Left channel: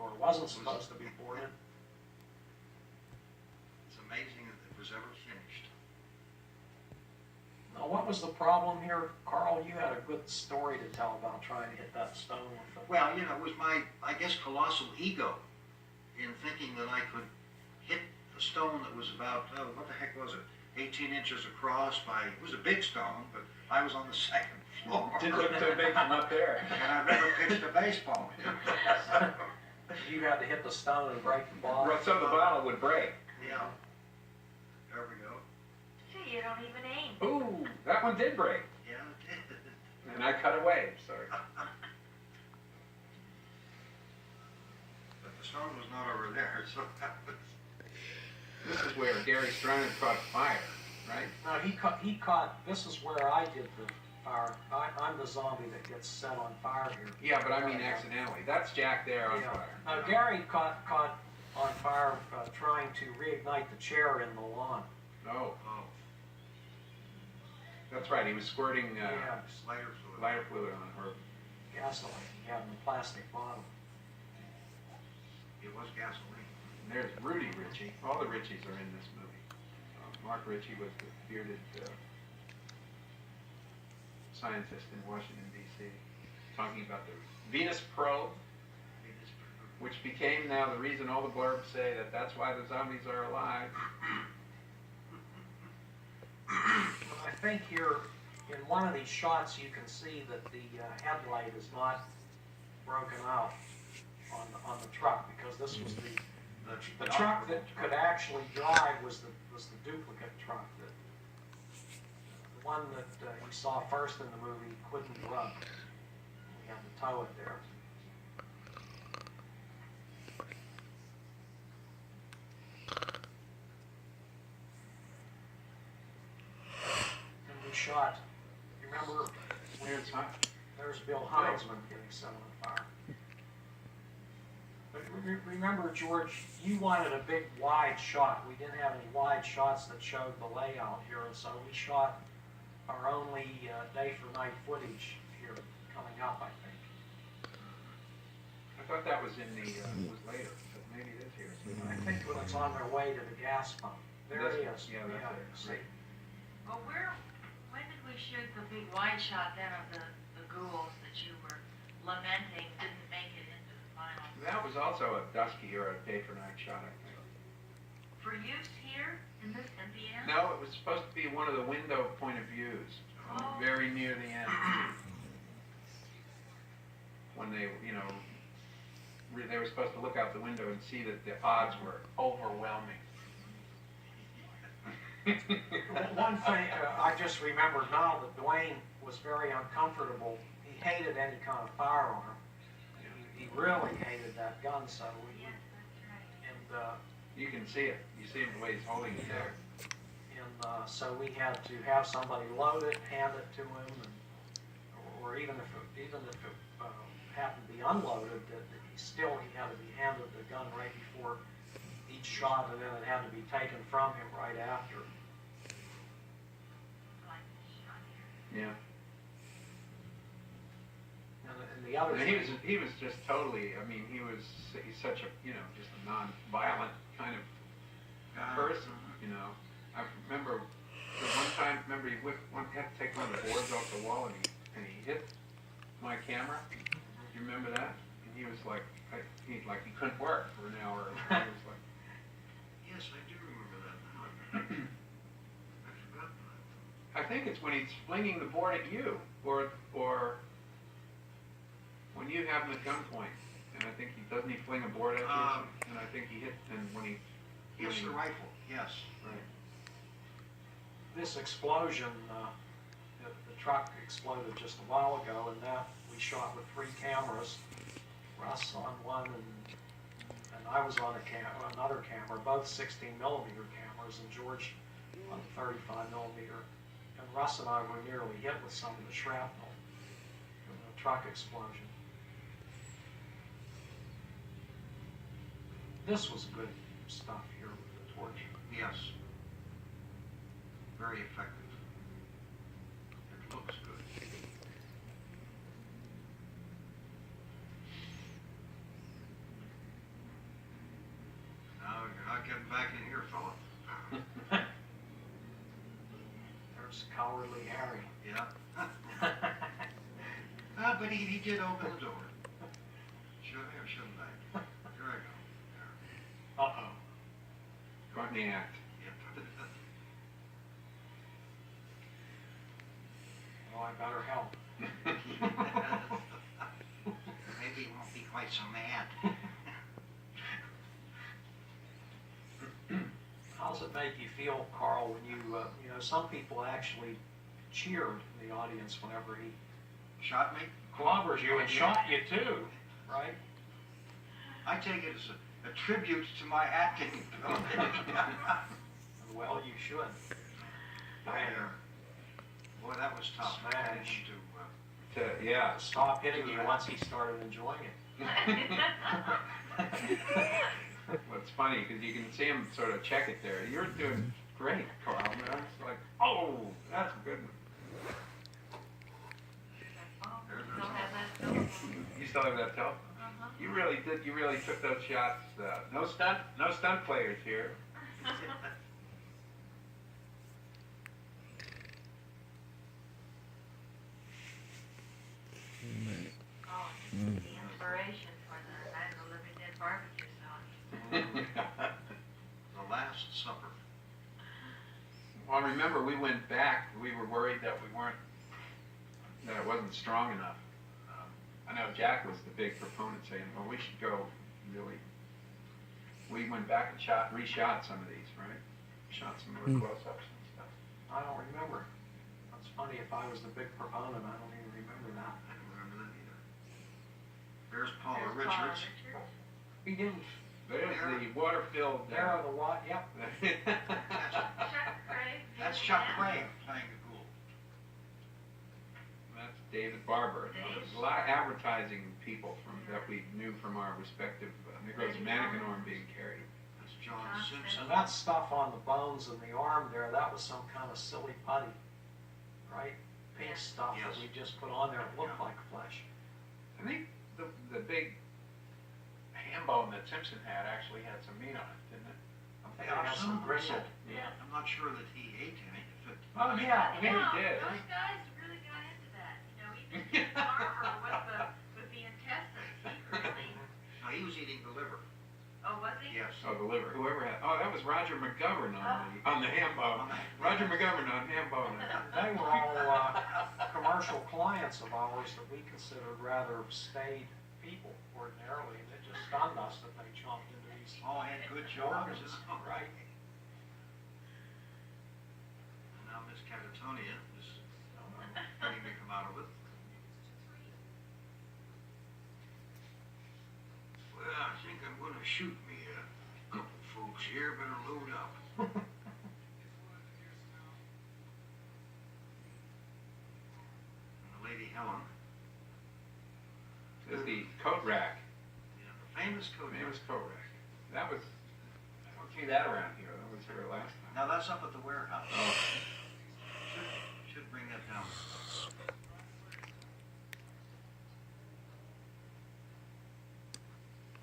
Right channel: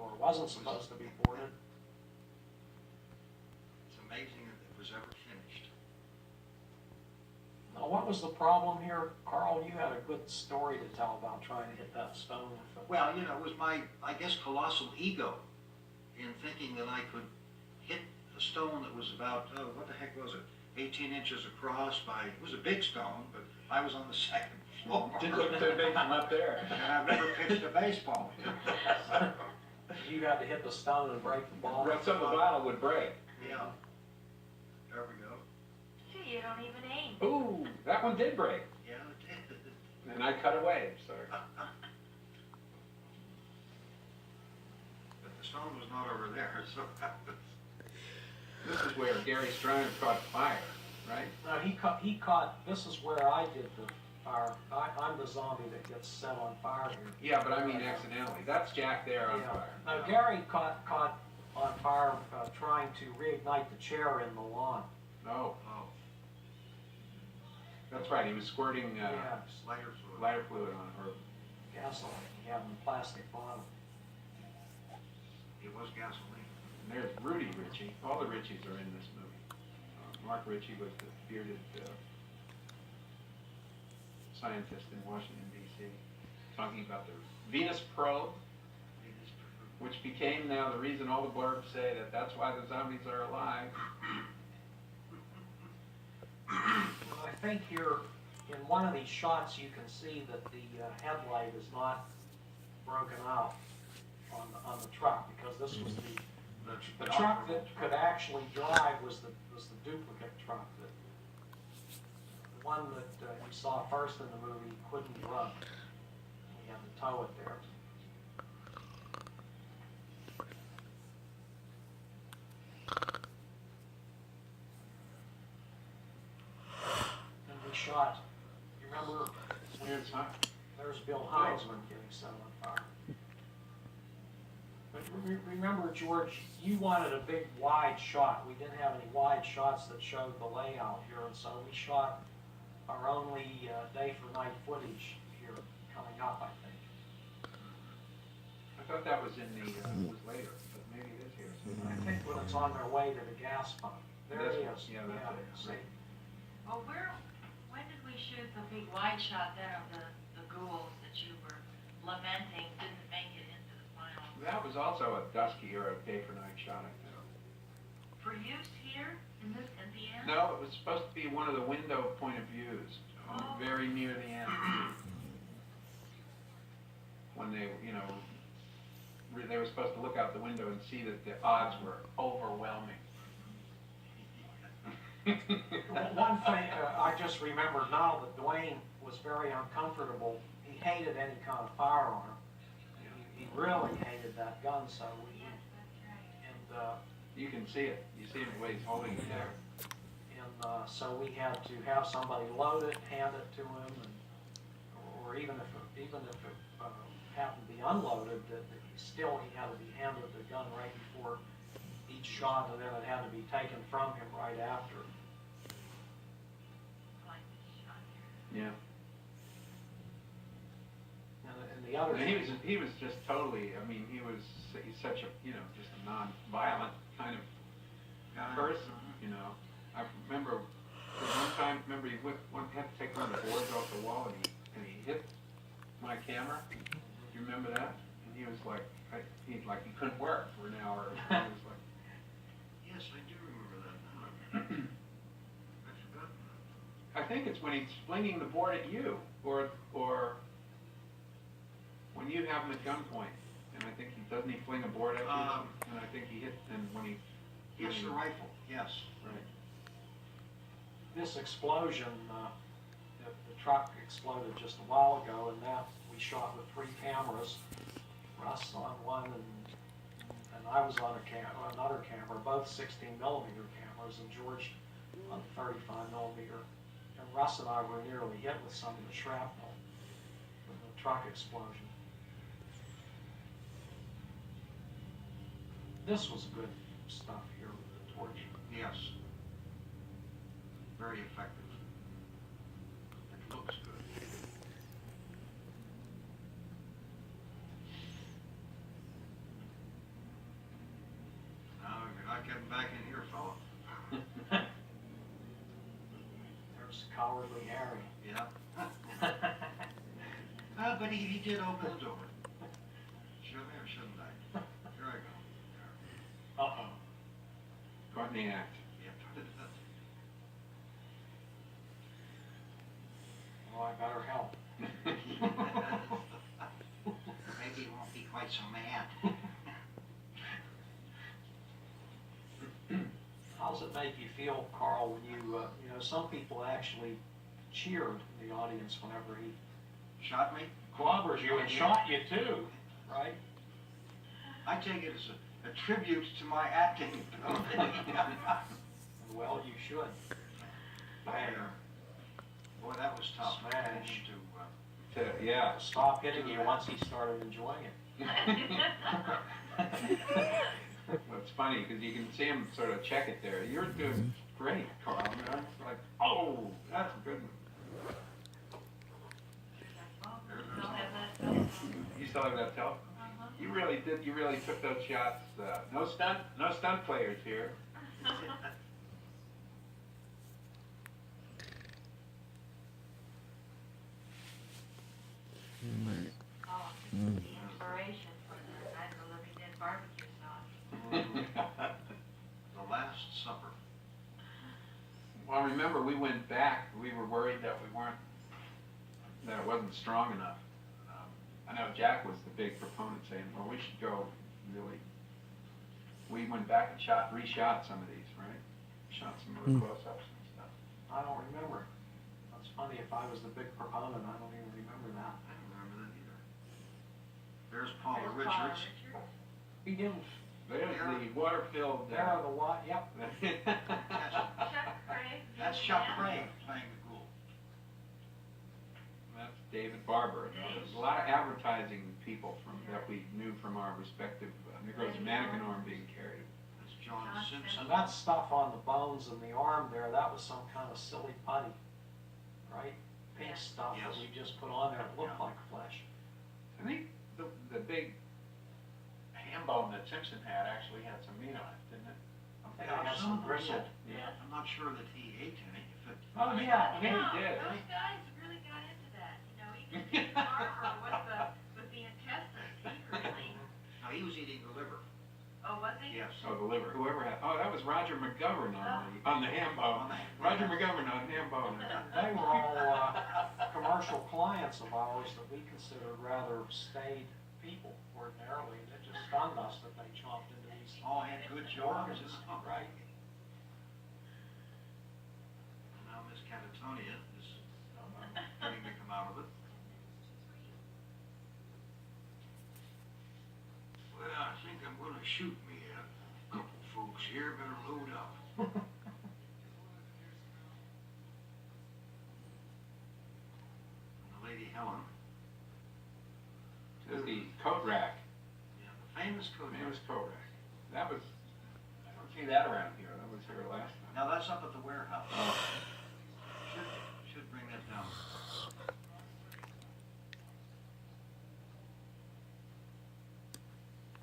or wasn't supposed to be boarded. It's amazing that it was ever finished. Now, what was the problem here, Carl? You had a good story to tell about trying to hit that stone with the... Well, you know, it was my, I guess, colossal ego in thinking that I could hit a stone that was about, oh, what the heck was it? 18 inches across by, it was a big stone, but I was on the second floor. Didn't look too big from up there. And I've never pitched a baseball. You had to hit the stone and break the bottle. Right, so the bottle would break. Yeah. There we go. Gee, you don't even aim. Ooh, that one did break. Yeah, it did. And I cut away, sorry. But the stone was not over there, so that was... This is where Gary Strang caught fire, right? No, he caught, this is where I did the fire. I'm the zombie that gets set on fire here. Yeah, but I mean accidentally. That's Jack there on Yeah. fire. Now, Gary caught on fire trying to reignite the chair in the lawn. Oh, Oh, that's right. He was squirting Yeah, lighter fluid. lighter fluid on her. gasoline. He had in a plastic bottle. It was gasoline. And there's Rudy Ritchie. All the Ritchies are in this movie. Mark Ritchie was the bearded scientist in Washington, D.C., talking about the Venus probe, which became now the reason all the blurbs say that that's why the zombies are alive. I think here, in one of these shots, you can see that the headlight is not broken out on the truck, because this was the truck that could actually drive was the duplicate truck, the one that you saw first in the movie couldn't run. We had to tow it there. And we shot, you remember, there's Bill Heinzman getting set on fire. But remember, George, you wanted a big wide shot. We didn't have any wide shots that showed the layout here, and so we shot our only day for night footage here coming up, I think. I thought that was in the, was later, but maybe it is here. I think when it's on their way to the gas pump. There it is. Yeah, that's it. See? Right. Well, when did we shoot the big wide shot then of the ghouls that you were lamenting didn't make it into the final? That was also a dusky or a day for night shot, I think. For use here, in the end? No, it was supposed to be one of the window point of views, Oh. very near the end. When they, you know, they were supposed to look out the window and see that the odds were overwhelming. One thing I just remembered now that Dwayne was very uncomfortable. He hated any kind of firearm. He really hated that gun, so we, Yes, that's right. and You can see it. You see the way he's holding it there. so we had to have somebody load it, hand it to him, and, or even if it happened to be unloaded, that he had to be handed the gun right before each shot, and then it had to be taken from him right after. Like the shot here. Yeah. And the other And thing, he was just totally, I mean, he's such a, you know, just a non-violent kind of person, you know. I remember one time, he had to take one of the boards off the wall and he hit my camera. Do you remember that? And he was like, he couldn't work for an hour. He was like, Yes, I do remember that now. I forgot that. I think it's when he's flinging the board at you, or when you have him at gunpoint. And I think doesn't he fling a board at you? And I think he hit, and when he... Yes, the rifle, yes. Right. this explosion, the truck exploded just a while ago, and that we shot with 3 cameras. Russ on one, and I was on another camera, both 16 millimeter cameras, and George on 35 millimeter. And Russ and I were nearly hit with some of the shrapnel from the truck explosion. This was good stuff here with the torch. Yes. Very effective. It looks good. Get back in here, fella. There's Cowardly Harry. Yeah. But he did open the door. Should I or shouldn't I? Here I go. There. Uh-oh. Caught in the act. Yep. Well, I better help. Maybe he won't be quite so mad. How does it make you feel, Carl, when you know, some people actually cheered in the audience whenever he Shot me? clobbers you and shot you too, right? I take it as a tribute to my acting ability. Well, you should. Boy, that was tough. Smash. Yeah. Stop hitting you once he started enjoying it. Well, it's funny because you can see him sort of check it there. You're doing great, Carl. I mean, it's like, oh, that's good. You still have that telephone? You really did. You really took those shots. No stunt players here. Oh, the inspiration for the Night of the Living Dead barbecue sauce. The Last Supper. Well, I remember we went back. We were worried that that it wasn't strong enough. I know Jack was the big proponent saying, well, we should go really. We went back and reshot some of these, right? Shot some more close-ups and stuff. I don't remember. That's funny. If I was the big proponent, I don't even remember now. I don't remember that either. There's Paula There's Paula Richards. He didn't. There's the water-filled. There are the what? Yep. Chuck Craig. That's Chuck Craig playing the ghoul. That's David Barber. There's a lot of advertising people that we knew from our respective. There goes Manicanorm being carried. That's John Simpson. And that stuff on the bones and the arm there, that was some kind of silly putty, right? Pink stuff that Yes. we just put on there. It looked like flesh. I think the big ham bone that Simpson had actually had some meat on it, didn't it? I think Yeah, it has some some gristle. Yeah, I'm not sure that he ate any. Oh, yeah, I mean, No, he did. those guys really got into that, you know, even Barber with the intestines, he really, No, he was eating the liver. oh, was he? Yes. Oh, the liver. Whoever had. Oh, that was Roger McGovern on the ham bone. Roger McGovern on ham bone. They were all commercial clients of ours that we considered rather staid people ordinarily. And it just stunned us that they chomped into these All had good jobs. organs, right? And now Miss Catatonia is getting to come out of it. Well, I think I'm gonna shoot me a couple folks here. Better load up. And the Lady Helen. There's the coat rack. Yeah, the famous coat. Famous coat rack. That was. I don't see that around here. That was here last time. Now that's up at the warehouse. Oh. Should bring that down.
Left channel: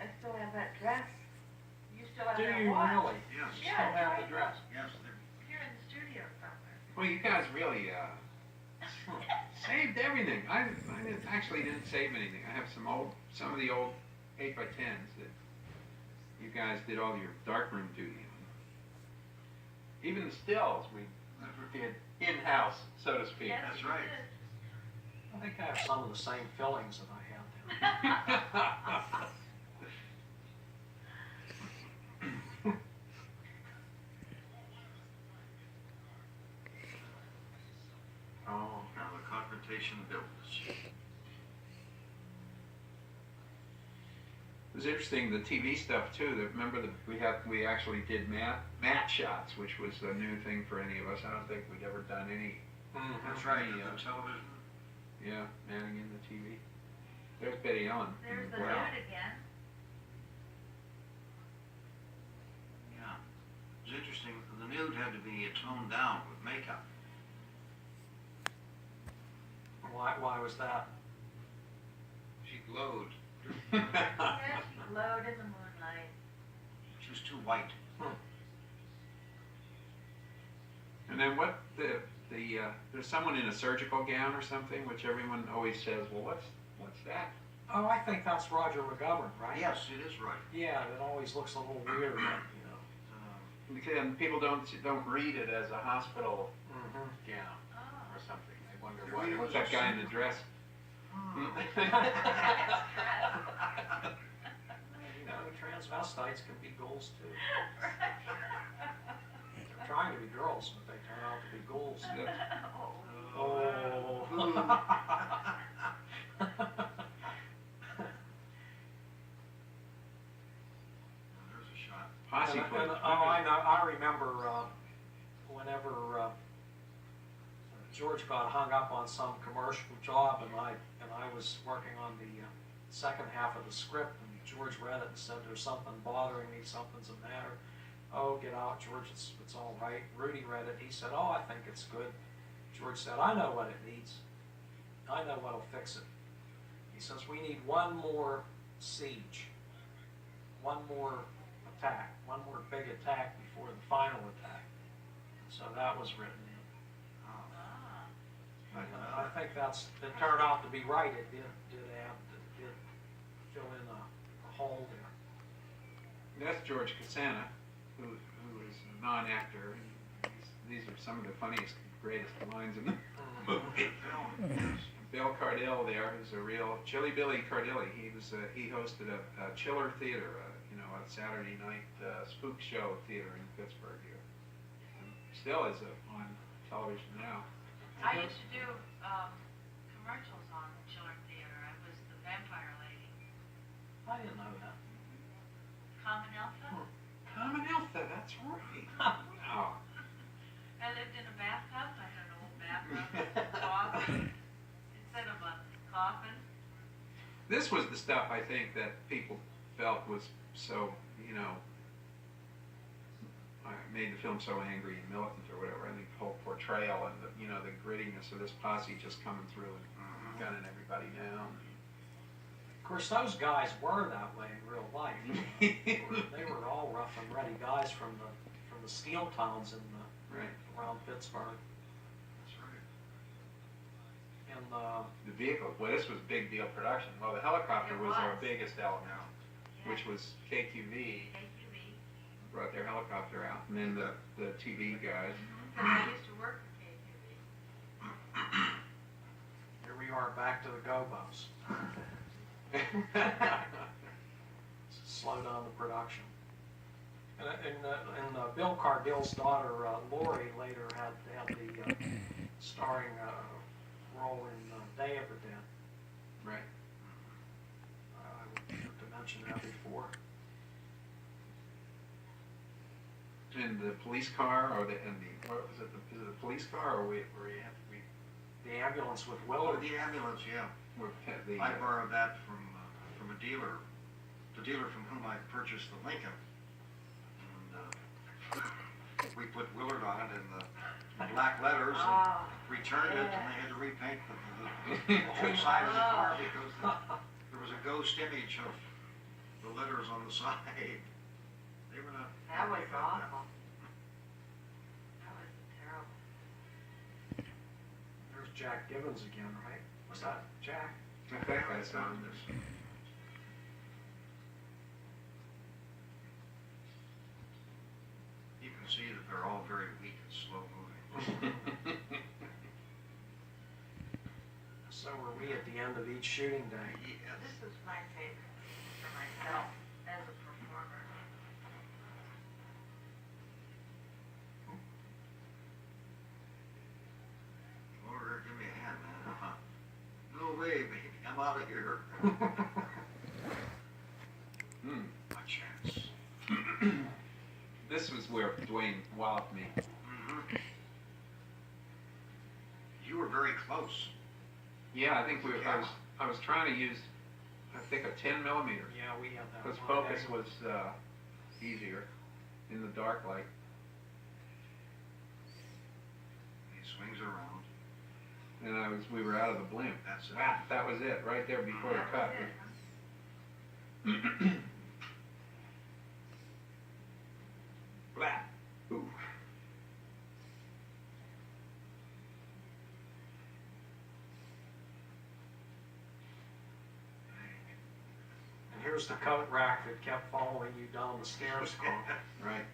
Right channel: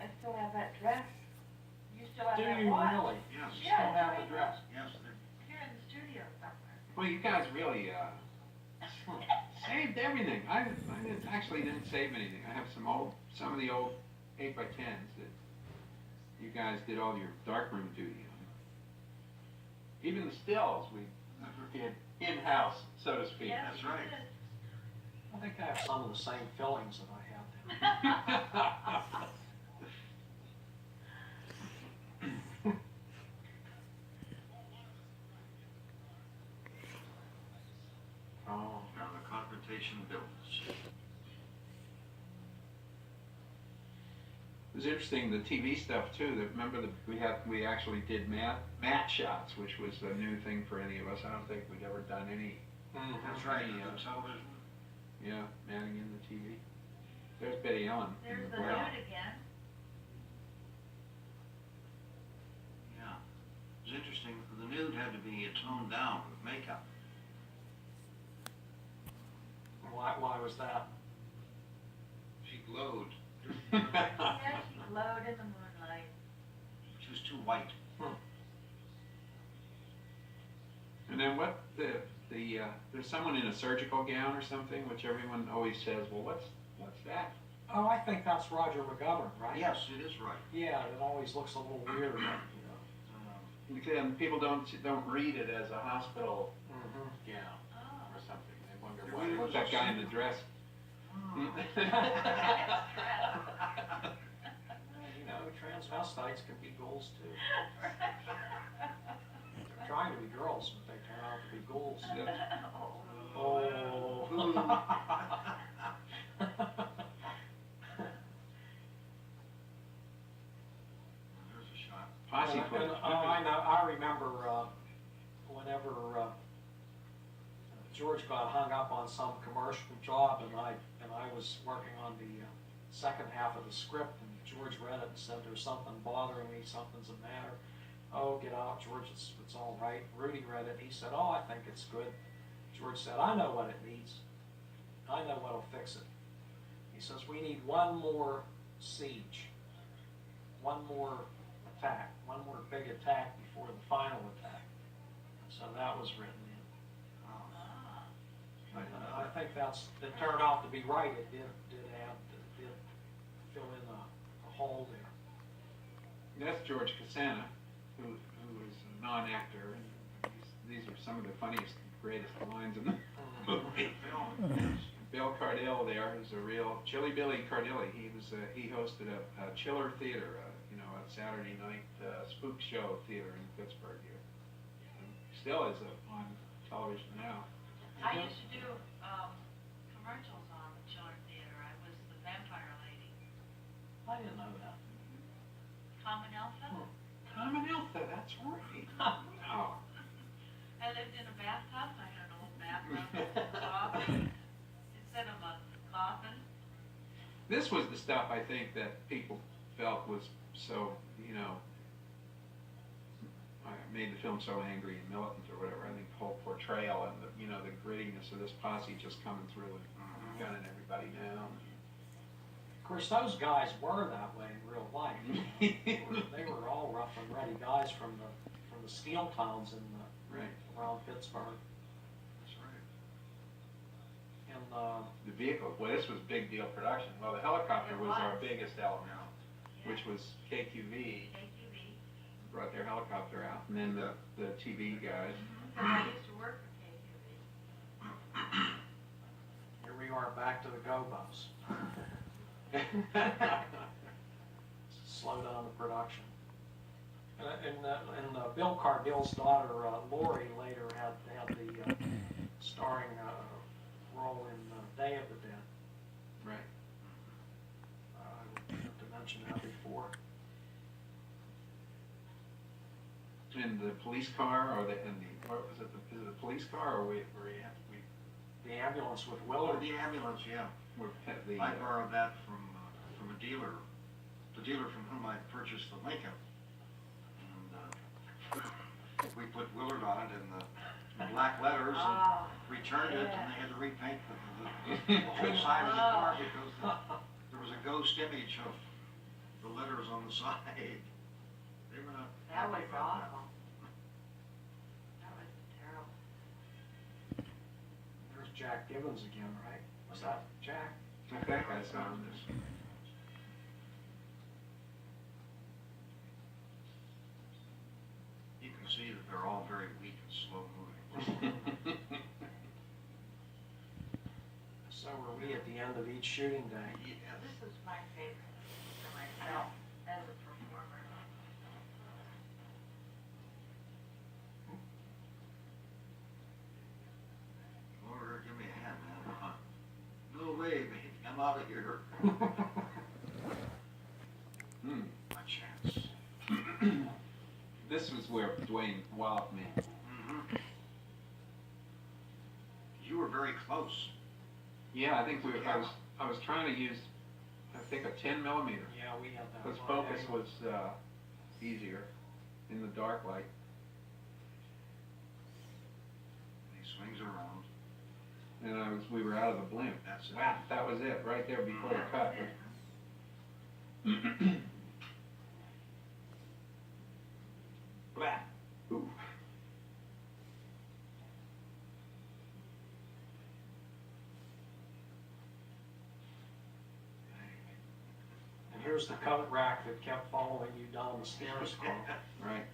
I still have that dress. You still have Do that you watch? really? Yes. You still have the dress? Yes, they're Here in the studio somewhere. Well, you guys really saved everything. I didn't save anything. I have some of the old 8x10s that you guys did all your darkroom duty on. Even the stills we did in-house, so to speak. Yes, That's you right. did. I think I have some of the same fillings that I had there. Oh, now the confrontation builds. It was interesting, the TV stuff too. Remember that we actually did matte shots, which was a new thing for any of us. I don't think we'd ever done any. That's right. Any, The television. yeah, manning in the TV. There's Betty Ellen. There's the Wow. nude again. Yeah. It was interesting. The nude had to be toned down with makeup. why was that? She glowed. Yes, she glowed in the moonlight. She was too white. And then what there's someone in a surgical gown or something, which everyone always says, well, what's that? Oh, I think that's Roger McGovern, right? Yes, it is right. Yeah, it always looks a little weird, you know. And people don't read it as a hospital Mm-hmm. gown Oh. or something. They wonder They why, read it what's as that a guy in the suit. dress? You know, transvestites can be ghouls too. They're trying to be girls, but they turn out to be ghouls. Oh. There's a shot. Posse And, footage. I know. I remember whenever George got hung up on some commercial job, and I was working on the second half of the script, and George read it and said, "There's something bothering me. Something's the matter." Oh, get out, George. It's all right. Rudy read it. He said, "Oh, I think it's good." George said, "I know what it needs. I know what'll fix it." He says, "We need one more siege, one more attack, one more big attack before the final attack." So that was written in. I think it turned out to be right. It did fill in a hole there. That's George Costanza, who is a non-actor. And these are some of the funniest, greatest lines in the movie. Bill Cardille there, who's a real Chilly Billy Cardille. He hosted a Chiller Theater, a Saturday night spook show theater in Pittsburgh here, and still is on television now. I used to do commercials on Chiller Theater. I was the vampire lady. I didn't know that. Common Alpha. Common Alpha, that's right. Wow. I lived in a bathtub. I had an old bathtub coffin instead of a coffin. This was the stuff I think that people felt was so, made the film so angry and militant or whatever. I think the whole portrayal and the grittiness of this posse just coming through and gunning everybody down. Of course, those guys were that way in real life. They were all rough and ready guys from the steel towns Right. around Pittsburgh. That's right. And The vehicle, well, this was big deal production. Well, the helicopter It was our was. biggest element, Yeah. which was KQV, KQV. brought their helicopter out, and then the TV guys. Because I used to work for KQV. here we are back to the Gobos. Slow down the production. And Bill Cardille's daughter Lori later had the starring role in Day of the Dead. Right. I meant to mention that before. And the police car, what was it? Is it the police car, or we The ambulance with Oh, Willard. the ambulance, yeah. the I borrowed that from a dealer, the dealer from whom I purchased the Lincoln. And we put Willard on it in the black letters and Oh, returned it, and yeah. they had to repaint the whole side of the car because there was a ghost image of the letters on the side. They were not That happy was about that. awful. That was terrible. There's Jack Gibbons again, right? Was that Jack? I think I saw this. You can see that they're all very weak and slow moving. So are we at the end of each shooting day? Yes. This was my favorite for myself as a performer. Over, give me a hand, man. No way, baby. I'm out of here. Hmm. My chance. This was where Dwayne walloped me. Mm-hmm. You were very close. Yeah, I think I was trying to use, I think, a 10 millimeter. Yeah, we had that. Because one. focus was easier in the dark light. He swings around. And we were out of the blimp. That's it. Wow, that was it, right there before the cut. Here's the coat rack that kept following you down the stairs, Carl. Right.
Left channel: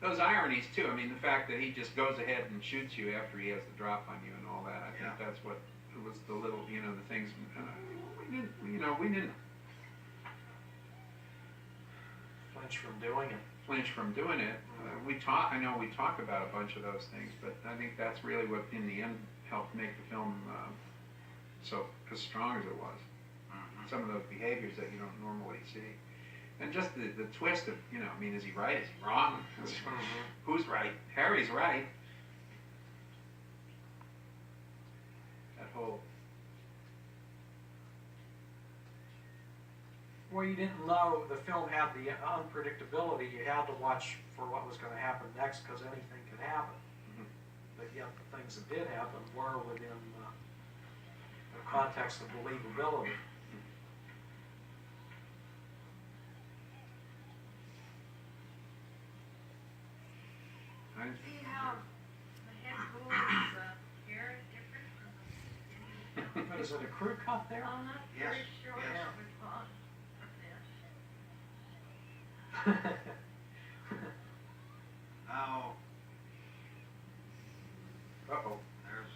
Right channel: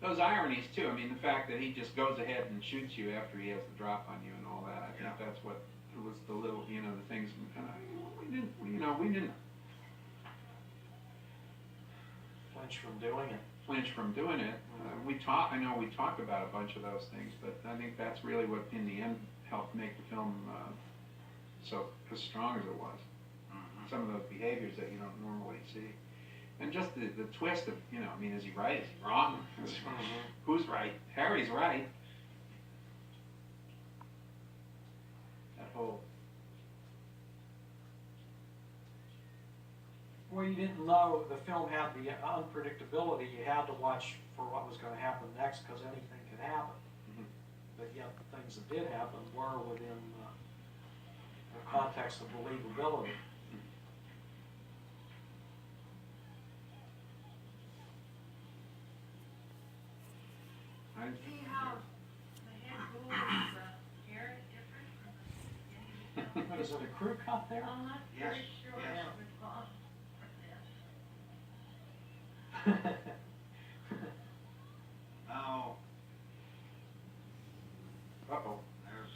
Those ironies too. I mean, the fact that he just goes ahead and shoots you after he has the drop on you and all that. I think Yeah. that's what it was the little, the things. We didn't Flinch from doing it. flinch from doing it. I know we talk about a bunch of those things, but I think that's really what, in the end, helped make the film so as strong as it was. Mhm. Some of those behaviors that you don't normally see. And just the twist of, is he right? Is he wrong? Who's right? Harry's right. That whole, Well, you didn't know the film had the unpredictability. You had to watch for what was going to happen next because anything could happen. Mhm. But yet the things that did happen were within the context of believability. I, See how the head ghoul's hair is different from the beginning of the film? But is it a crew cut there? I'm not Yes, very sure yes. which one of them. Now, uh-oh. there's.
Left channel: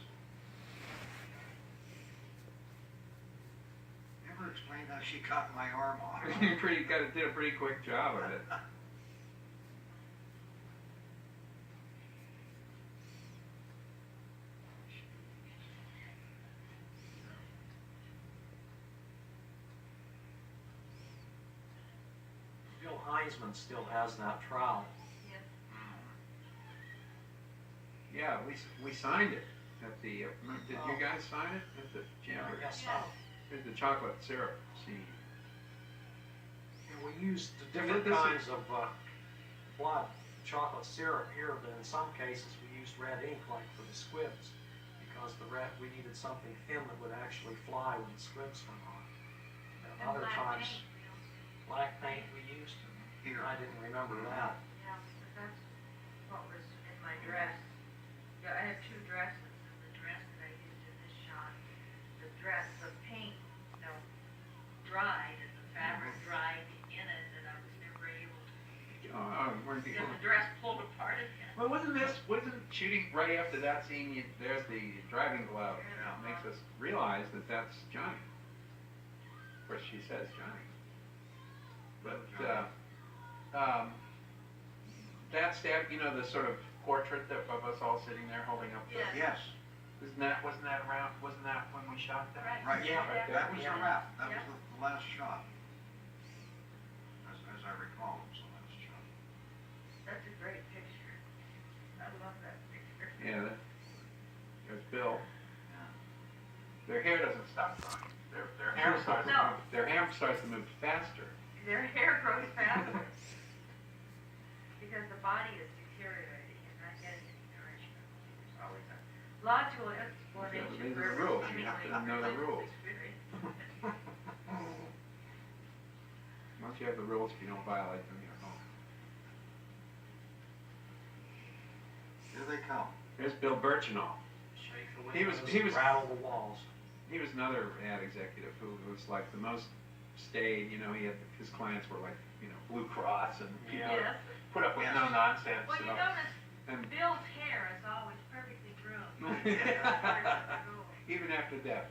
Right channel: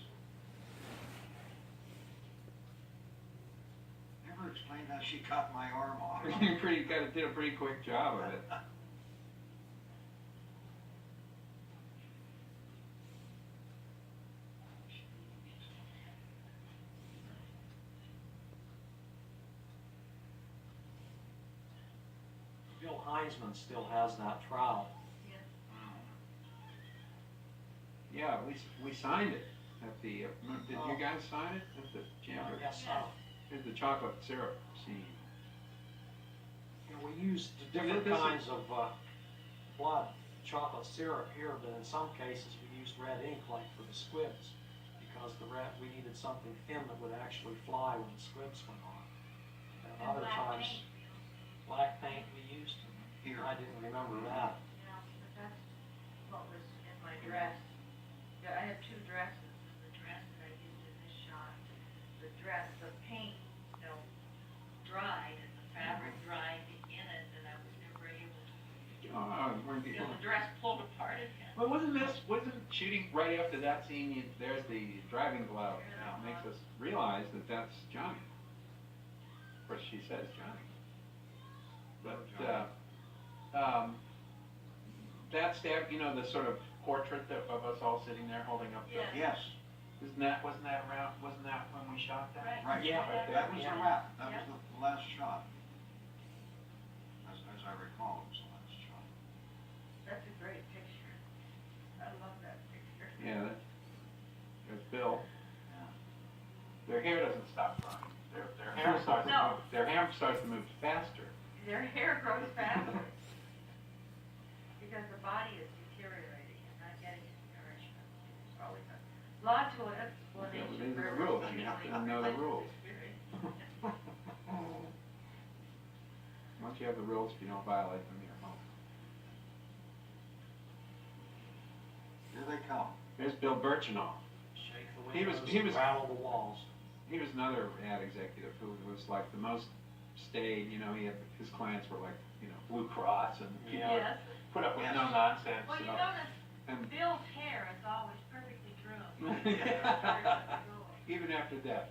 Never explained how she cut my arm off. You did a pretty quick job of it. Bill Heisman still has that trowel. Yeah, we signed it at the, did you guys sign it at the Jamboree? Yes, so. Here's the chocolate syrup scene. And we used the different kinds of blood chocolate syrup here, but in some cases we used red ink like for the squibs because we needed something thin that would actually fly when the squibs went on. And And other black times, paint, you know. black paint we used. Here. I didn't remember that. Yeah, but that's what was in my dress. Yeah, I have two dresses, and the dress that I used in this shot, the paint, dried, and the fabric dried in it, and I was never able to, get the dress pulled apart again. Well, wasn't shooting right after that scene, there's the driving glove. It makes us realize that that's Johnny. Of course, she says Johnny. But, that stab, the sort of portrait of us all sitting there holding up the, Yeah. Yes, wasn't that when we shot that? right, Yeah, right that was there. a wrap, that Yeah. was the last shot. As I recall, it was the last shot. That's a great picture. I love that picture. Yeah, there's Bill. Yeah. Their hair doesn't stop growing. Their hair starts to No. move. Their hair starts to move faster. Their hair grows faster. Because the body is deteriorating and not getting its nourishment. It's always a logical explanation These are for the rules. You seemingly have to know the religious rules. experience. Once you have the rules, if you don't violate them, you're home. Here they come. There's Bill Birchinall. Shake the He was- windows, he was- rattle the walls. He was another ad executive who was like the most staid. He had his clients were like Blue Cross and people Yeah. Yes. put up with Yes. no nonsense. Well, you know. notice And Bill's hair is always perfectly groomed. even after death.